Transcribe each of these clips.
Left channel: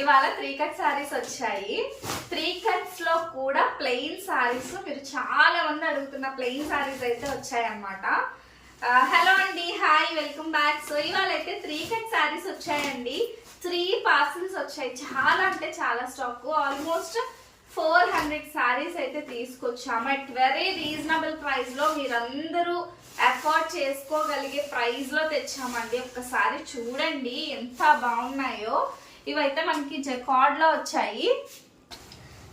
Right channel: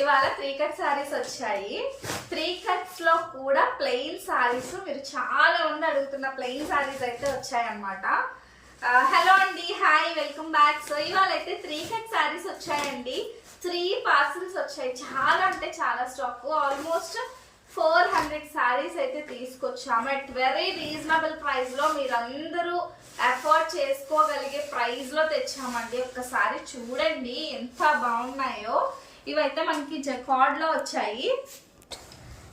ఇవాళ 3 కట్ సారీస్ వచ్చాయి. 3 కట్స్ లో కూడా ప్లెయిన్ సారీస్, మీరు చాలా మంది అడుగుతున్న ప్లెయిన్ సారీస్ అయితే వచ్చాయి అన్నమాట. హలో అండి, హాయ్, వెల్కమ్ బ్యాక్. సో ఇవాళ అయితే 3 కట్ సారీస్ వచ్చాయండి. 3 పార్సల్స్ వచ్చాయి. చాలా అంటే చాలా స్టాక్, ఆల్మోస్ట్ 400 సారీస్ అయితే తీసుకొచ్చాము. అట్ వెరీ రీజనబుల్ ప్రైస్ లో మీరందరూ అఫోర్డ్ చేసుకోగలిగే ప్రైస్ లో తెచ్చామండి. ఒక్కసారి చూడండి ఎంత బాగున్నాయో. ఇవైతే మనకి జకార్డ్ లో వచ్చాయి.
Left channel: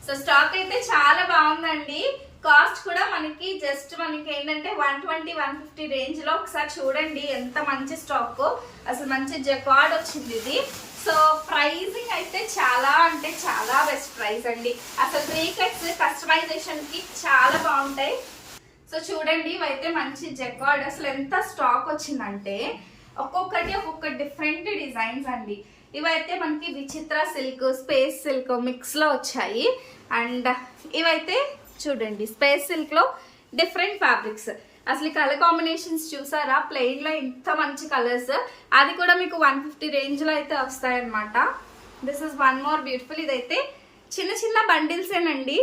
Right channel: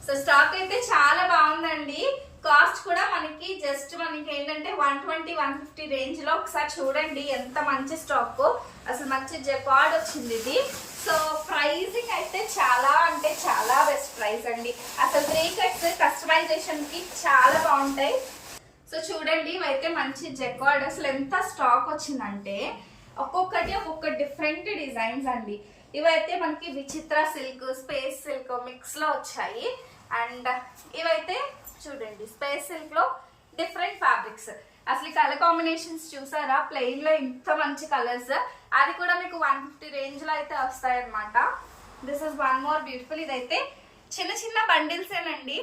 సో స్టాక్ అయితే చాలా బాగుందండి. కాస్ట్ కూడా మనకి జస్ట్ మనకి ఏంటంటే 120-150 రేంజ్ లో. ఒకసారి చూడండి ఎంత మంచి స్టాక్, అసలు మంచి జకార్డ్ వచ్చింది ఇది. సో ప్రైజింగ్ అయితే చాలా అంటే చాలా బెస్ట్ ప్రైస్ అండి. అసలు 3 కట్స్ కస్టమైజేషన్ కి చాలా బాగుంటాయి. సో చూడండి ఇవైతే మంచి జకార్డ్. అసలు ఎంత స్టాక్ వచ్చిందంటే ఒక్కొక్కటి ఒక్కొక్క డిఫరెంట్ డిజైన్స్ అండి. ఇవైతే మనకి విచిత్ర సిల్క్, స్పేస్ సిల్క్ మిక్స్ లో వచ్చాయి. అండ్ ఇవైతే చూడండి స్పేస్ సిల్క్ లో డిఫరెంట్ ఫ్యాబ్రిక్స్. అసలు కలర్ కాంబినేషన్స్ చూసారా, ప్లెయిన్ లో ఇంత మంచి కలర్స్. అది కూడా మీకు 150 రేంజ్ లో అయితే వస్తాయన్నమాట. This is one more beautiful. ఇదైతే చిన్న చిన్న బండిల్స్ ఏనండి.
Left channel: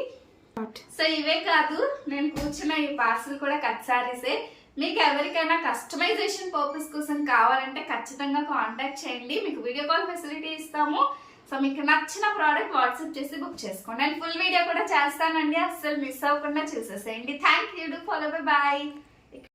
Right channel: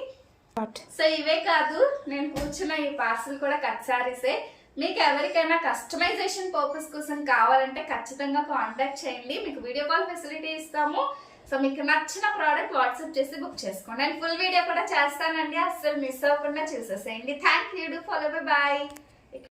సో ఇవే కాదు, నేను కూర్చున్న ఈ పార్సల్ కూడా కట్ సారీసే. మీకు ఎవరికైనా కస్టమైజేషన్ పర్పస్ కోసం కావాలంటే ఖచ్చితంగా కాంటాక్ట్ చేయండి. మీకు వీడియో కాల్ ఫెసిలిటీ ఇస్తాము. సో మీకు నచ్చిన ప్రోడక్ట్ వాట్సాప్ చేసి బుక్ చేసుకోండి. నేను ఫుల్ వీడియో కూడా చేస్తానండి, అస్సలు మిస్ అవ్వకుండా చూసేసేయండి. Thank you. Do follow. By.